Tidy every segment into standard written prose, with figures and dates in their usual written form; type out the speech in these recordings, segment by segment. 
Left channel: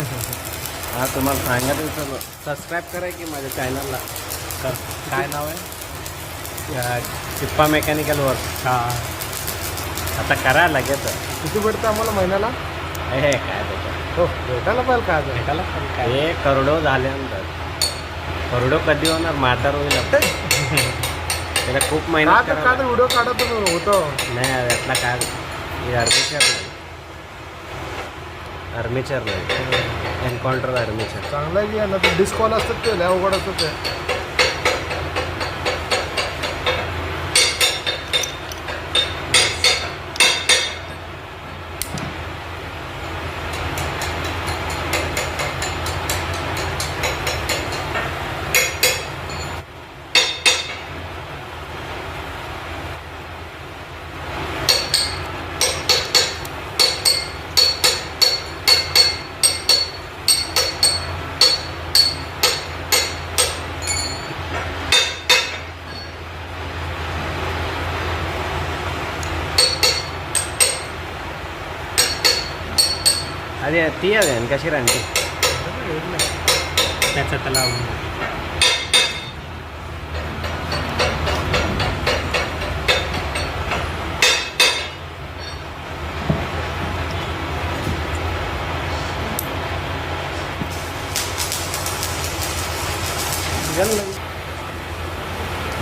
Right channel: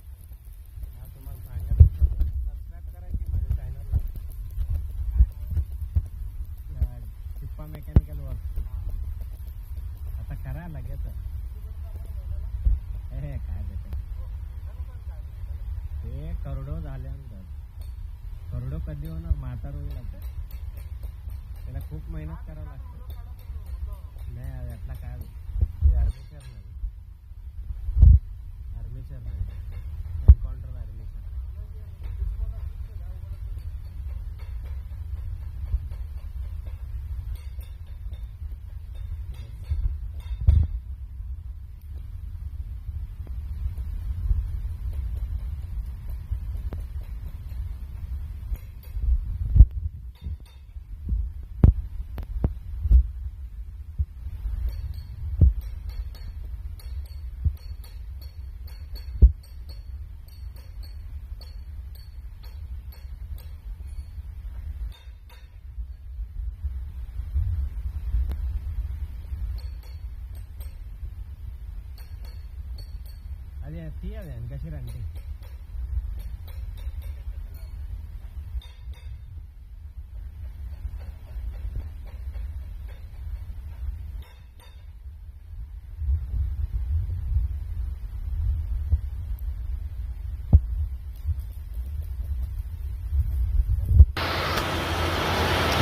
हा तुम्हाला सांगत होतो सबस्क्राईब करा की माझ्या चॅनलला. काय नाव आहे? Chippa mechanical work. हां. आता करा लगेच. किती भेटतं आम्हाला महिन्याला? हे काय भेटत हो भेटायला पाहिजे काय आता? भेटायला पण काय हे करोडो झाल्यानंतर करोडो कधी होणार म्हातार होईल आपण. त्याला खूप मेहनत का करावं तर व्हिडिओ काढत होतो. नाही यातला काय हे आर्मेचर नाही. आर्मेचर नाही एन्काउंटर आर्मेचर. चांगला आहे की ना ते डिस्कॉल असतात ते लय अवघड असतात ते. अरे ती आहे कशी राहते त्याचा त्याला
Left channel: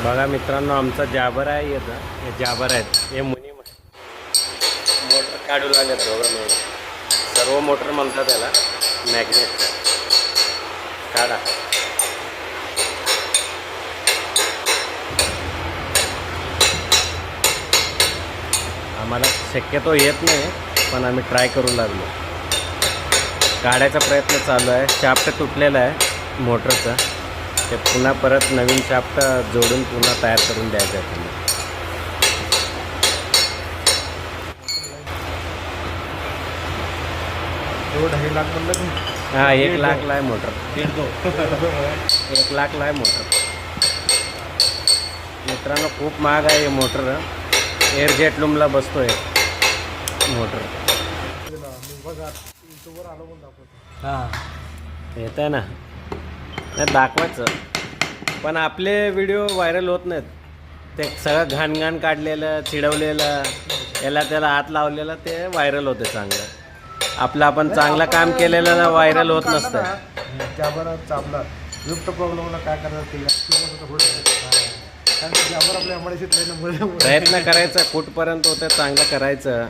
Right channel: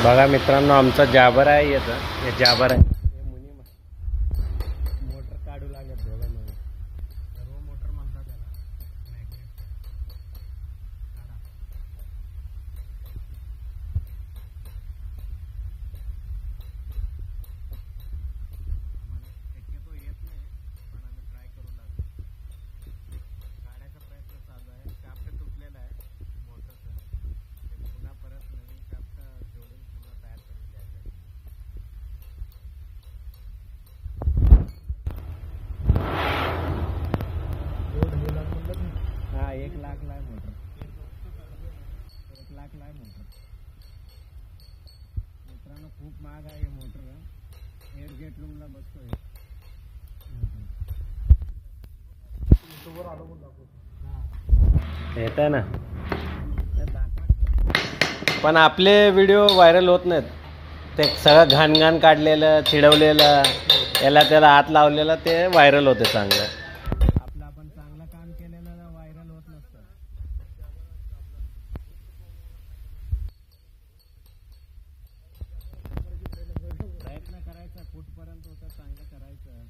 बघा मित्रांनो आमचा जाबर आहे येतं. हे जाबर आहेत हे मुनी मोटर काढू लागले दोघं मिळून. सर्व मोटर म्हणतात त्याला मॅग्नेटचा. काढा. आम्हाला शक्यतो येत नाही पण आम्ही ट्राय करू लागलो. काढायचा प्रयत्न चालू आहे. शाफ्ट तुटलेला आहे मोटरचा. ते पुन्हा परत नवीन शाफ्ट जोडून पुन्हा तयार करून द्यायचं आहे त्यांना. हां 1 लाखला आहे मोटर. 1 लाखला आहे मोटर. मित्रांनो खूप महाग आहे हे मोटर. एअर जेट लूमला बसतो आहे मोटर. येत आहे ना नाही दाखवायचं पण आपले व्हिडिओ व्हायरल होत नाहीत. ते सगळं घाण काढलेलं चिडवलेलं याला त्याला हात लावलेलं ते व्हायरल होते चांगलं. आपलं आपण चांगलं काम केलेलं व्हायरल होत नसतं. चाबला युक्त प्रॉब्लेमला काय करायचं प्रयत्न करायचा कुठपर्यंत होतं चांगलं करायचं.